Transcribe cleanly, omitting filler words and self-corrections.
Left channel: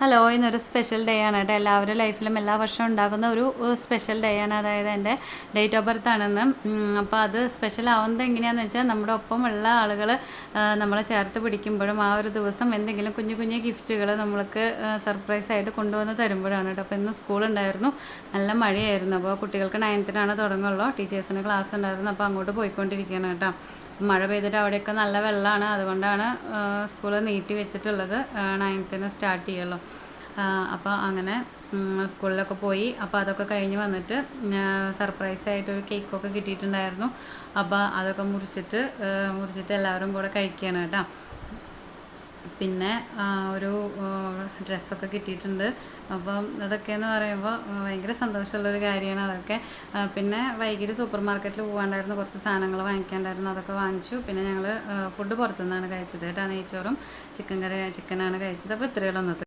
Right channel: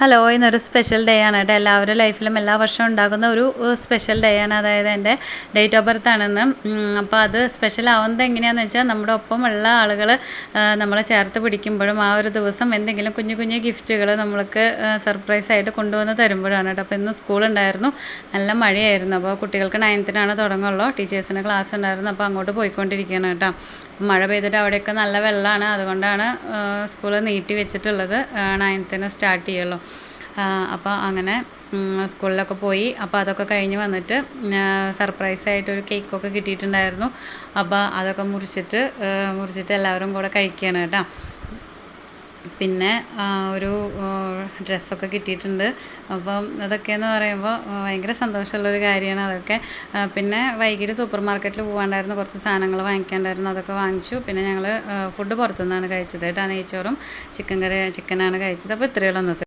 Hello, ഇന്നൊരു special day ആണ് കേട്ടോ. എല്ലാവരുടെ ലൈഫിലും എല്ലാ വർഷവും ഉണ്ടാകുന്ന ഒരു സ്പെഷ്യൽ ഡേ ആണ്. അതായത് എൻ്റെ ഡേറ്റ് ഓഫ് ബർത്ത് ആണെന്ന്. അപ്പോൾ അത് സ്പെഷ്യൽ ആവുന്നത് എങ്ങനെയാണെന്ന് വെച്ചാൽ നമ്മുടെ ഒപ്പമുള്ള ആളുകൾ നമ്മളെ ചേർത്ത് പിടിക്കുമ്പോഴും ആ ഒരു ദിവസം എന്തെങ്കിലും കുഞ്ഞു കുഞ്ഞു ഗിഫ്റ്റുകൾ നമ്മൾക്ക് സർപ്രൈസായിട്ട് കൊണ്ടുവന്ന് തരുമ്പോഴാണ് കേട്ടോ. അപ്പോൾ ഇന്ന് സ്കൂളുണ്ടായിരുന്നു, നല്ല മഴയായിരുന്നു. അപ്പോൾ കുട്ടികൾക്ക് 9th തുടങ്ങുള്ളൂ, ടീച്ചേഴ്സിന് ക്ലാസ് ഉണ്ടായിരുന്നു. അപ്പോൾ അങ്ങോട്ട് പോയിക്കൊണ്ടിരിക്കുകയാണ് കേട്ടോ. മഴ പെയ്തിട്ട് അവിടെയൊക്കെ നല്ല വെള്ളമാണ്, അതുകൊണ്ടാണ് സ്കൂൾ നീട്ടി വെച്ചിട്ടുള്ളത്. 9th സ്റ്റാർട്ട് ചെയ്യുള്ളൂ. അപ്പോൾ അങ്ങനെ സ്കൂളിലൊക്കെ പോയി. അപ്പോൾ അതൊക്കെ കഴിഞ്ഞ് വന്നിട്ട് സർപ്രൈസായിട്ടൊരു കേക്കൊക്കെ കിട്ടിയിട്ടുണ്ടായിരുന്നു. അപ്പോൾ അതൊക്കെ മുറിച്ചിട്ട് എല്ലാവരും കൂടെ കഴിക്കുകയാണ് കേട്ടോ. പിന്നെ ഒരു ഡ്രസ്സൊക്കെ കിട്ടിയിട്ടുണ്ട്. അപ്പം അതൊക്കെയെന്ന് പറയുമ്പോൾ ഭയങ്കര സന്തോഷമുള്ളൊരു കാര്യമാണ് അതൊക്കെ. പിന്നെ വൈകിട്ട് സൂപ്പർ മാർക്കറ്റിൽ പോകാണ്ടായിരുന്നു, കുറച്ച് സാധനങ്ങൾ വാങ്ങിക്കാണ്ടായിരുന്നു, അതൊക്കെ വാങ്ങിച്ചു. പിന്നെ ഞങ്ങൾ ഫുഡ് പുറത്തുനിന്നാണ് കഴിച്ചത് കേട്ടോ. നെയ്ച്ചോറും ചിക്കനാണ് കഴിച്ചത്. അപ്പോൾ ഇത്രയുള്ള